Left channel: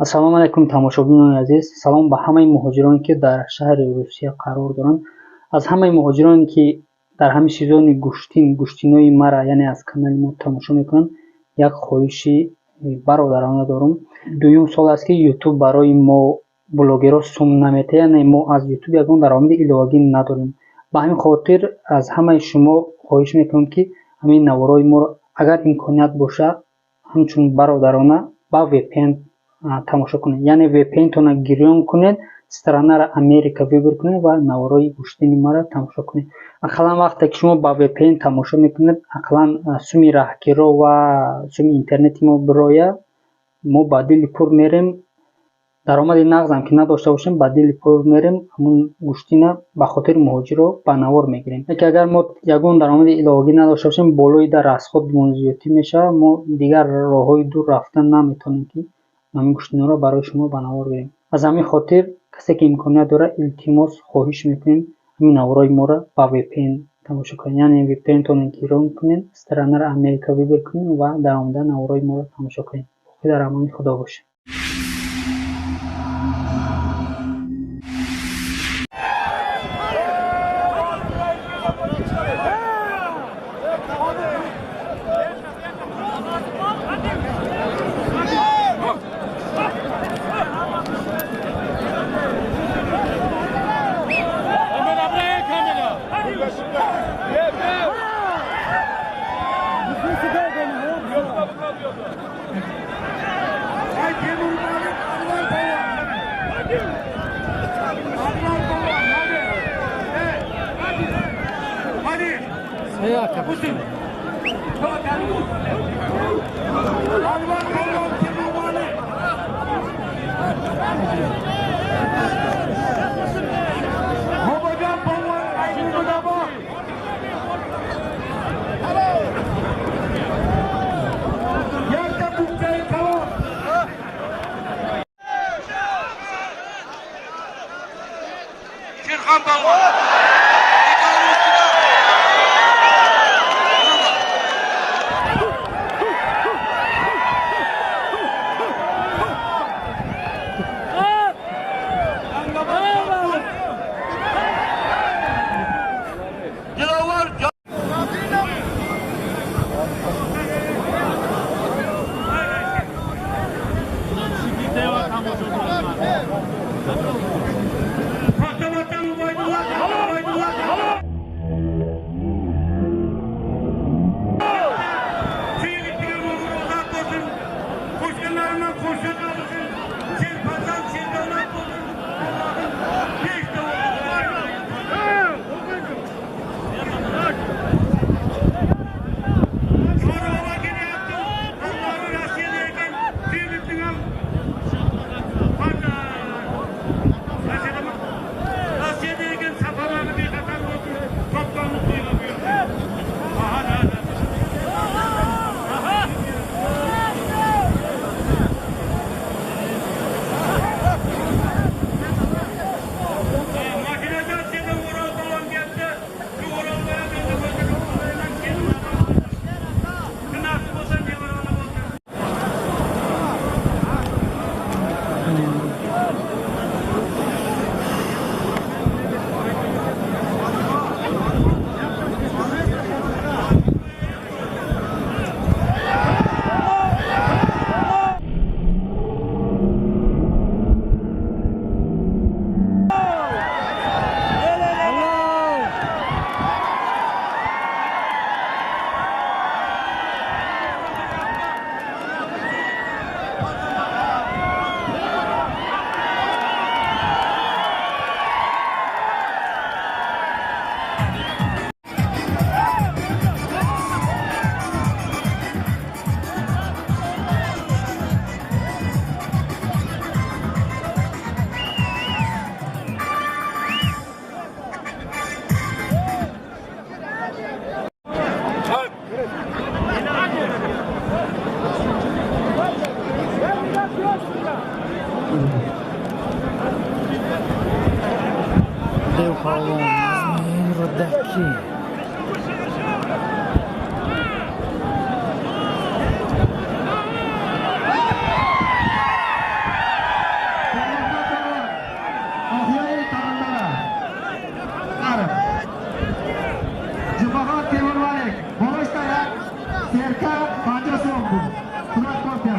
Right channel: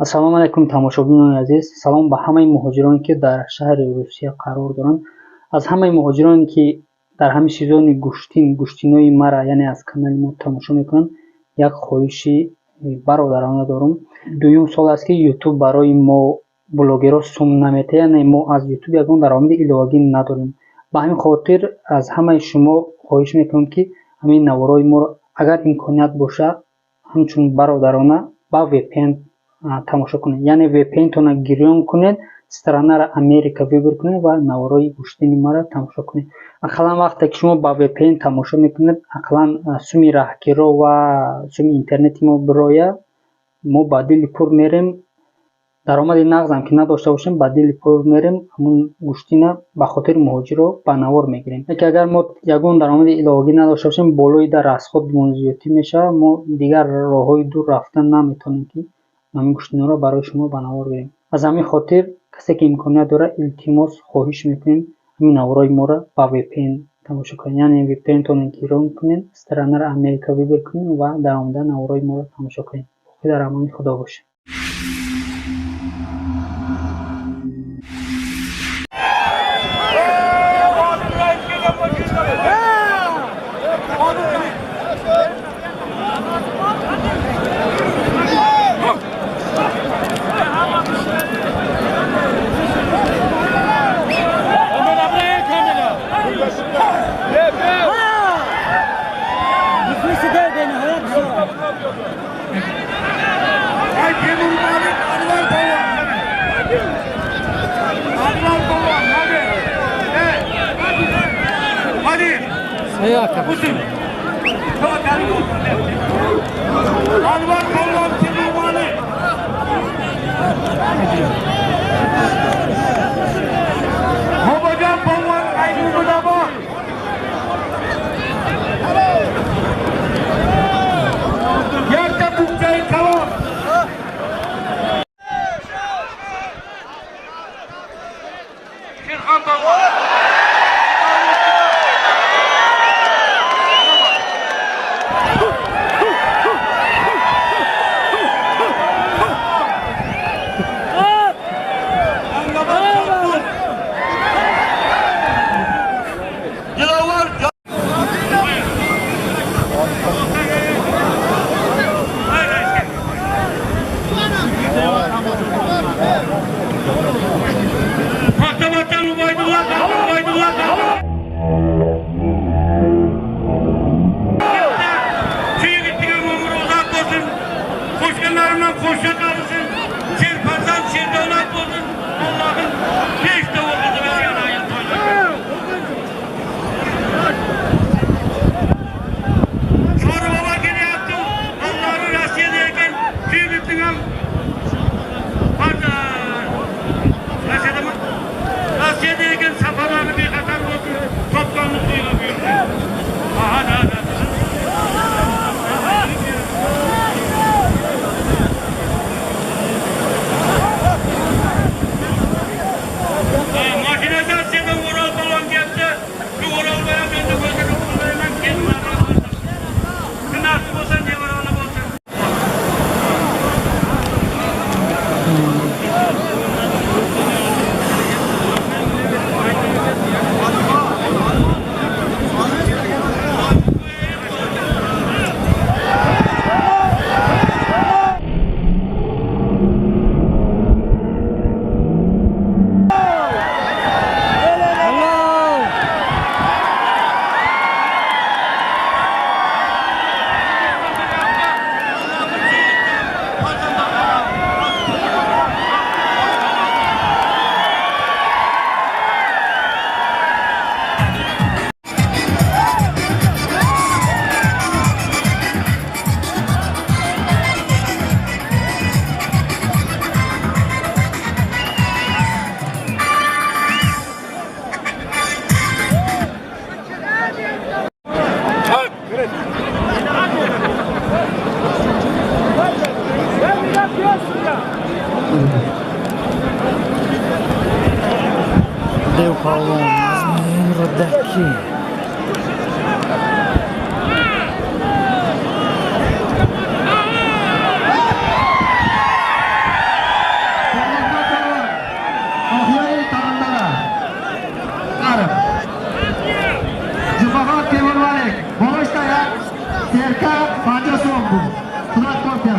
ассалому алайкум тамошобинони азиз. Салом ба ҳамаи муҳоҷироне ки дар шаҳри Русия қарор доранд. Аз ҳамаи муҳоҷироне ки дар ҳамин сезони гӯштинои мара, яъне аз канали мо тамошо мекунанд, як хоҳиши бародарона дорум. Дуюм сол аст ки YouTube барои мо блогерҳо сум наметаҳад, яъне мо аз YouTube ягон даромади иловагӣ надорем. Ба ҳамин хотир аз ҳамаи шумо хоҳиш мекунам ки ҳамин наворҳои моро агар имконият боша ҳамчун бародарона ба VPN тамошо кунед. Яъне VPN-тона гирён кунед, странара Америка вибр кунед ва наворҳои гӯштини мара тамошо кунед. Ақаллан вақте ки шумо ба VPN тамошо мекунед, ақаллан суми раҳгиро ва суми интернети мо бироя, мо ба дили пур мерем. Даромади нағзам ки надошта бошем, ба дили пур мерем, ҳамун гӯштина ба хотири муҳоҷиро ба навор мегирем. Ки агар мо ягон даромади иловагӣ надошта бошем, болои дар расход зиёдтӣ мешавад, мо дигар роҳҳои дур рафтан наметавонем ки ҳамин гӯштинаро барои шумо ба навор гирем. Аз ҳамин хотир касе ки имконият дорад, илтимос хоҳиш мекунем ҳамин наворҳои моро ба VPN тамошо кунед. Яъне VPN-тона гирён кунед, странара Америка вибр кунед ва дар омада наворҳои моро тамошо кунед. Боқӣ дар амони худо бошед. Deu Paulo, mas lembra daqui. Serka Faca Songu. Sırat Korkya.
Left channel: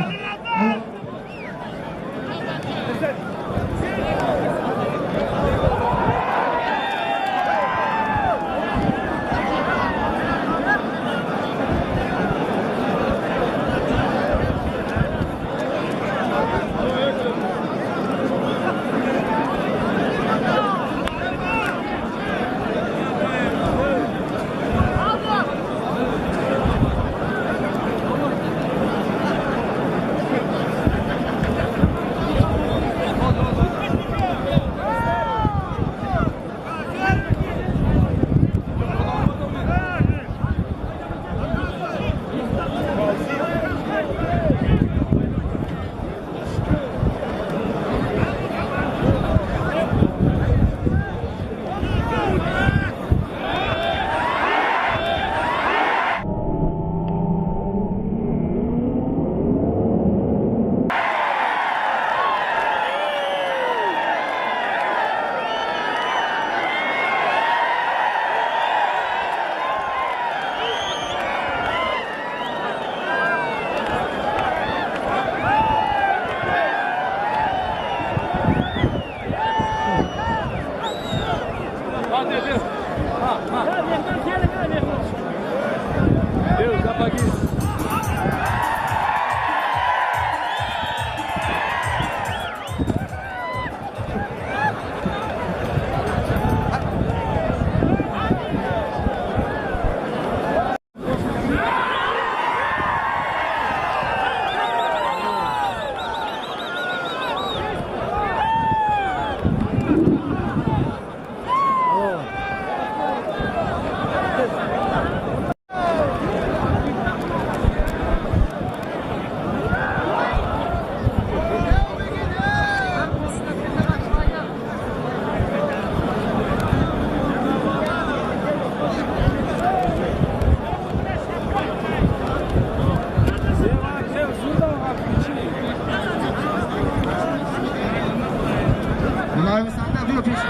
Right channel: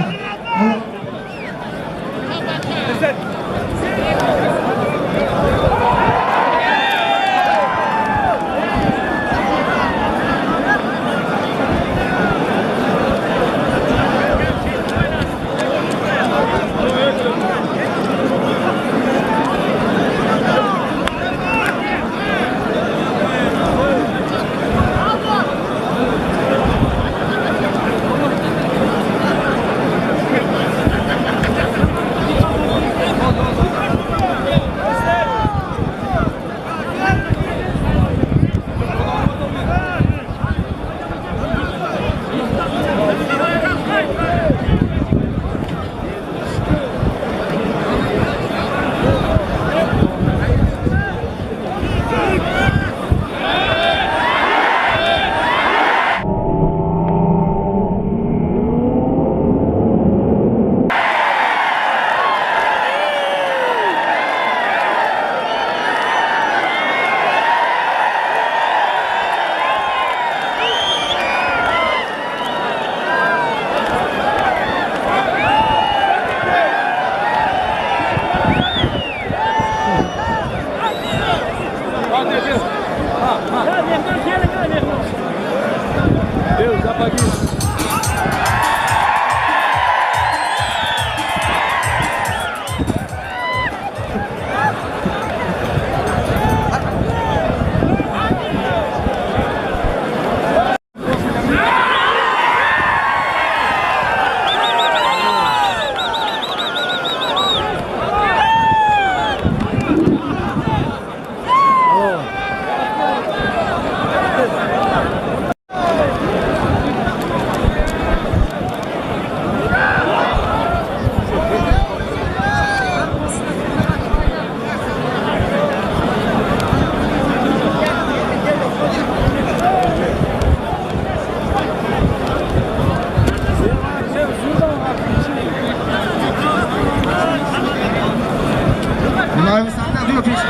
Mavi sende diyor peşin.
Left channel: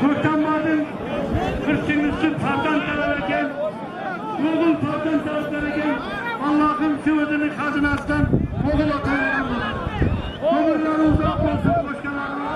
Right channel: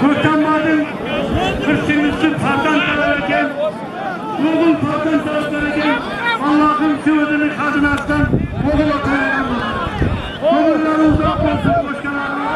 Kurtanmadın, kırçınlısı pardan tararken, ruhun pardan tararken, Allah'ın sığdığını kadın aslan, oğul otururlar. Oğulları uzak olsun başkalarına.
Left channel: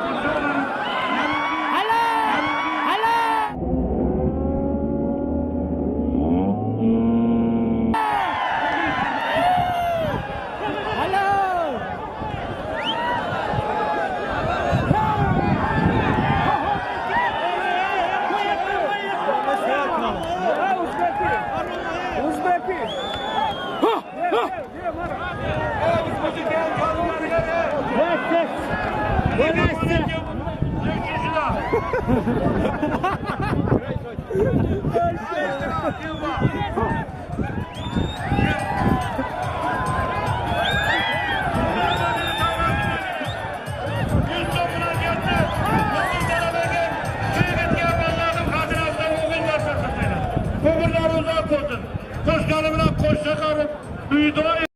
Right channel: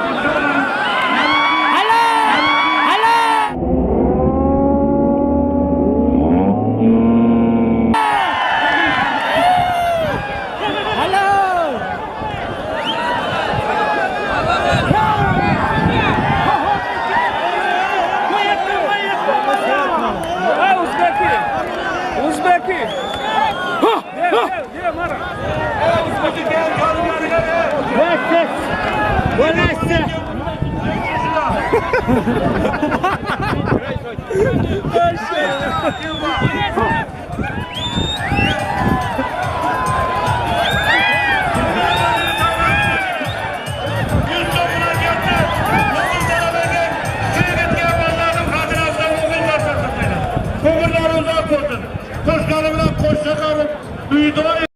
Koşkanımla koşakarım, duyduğum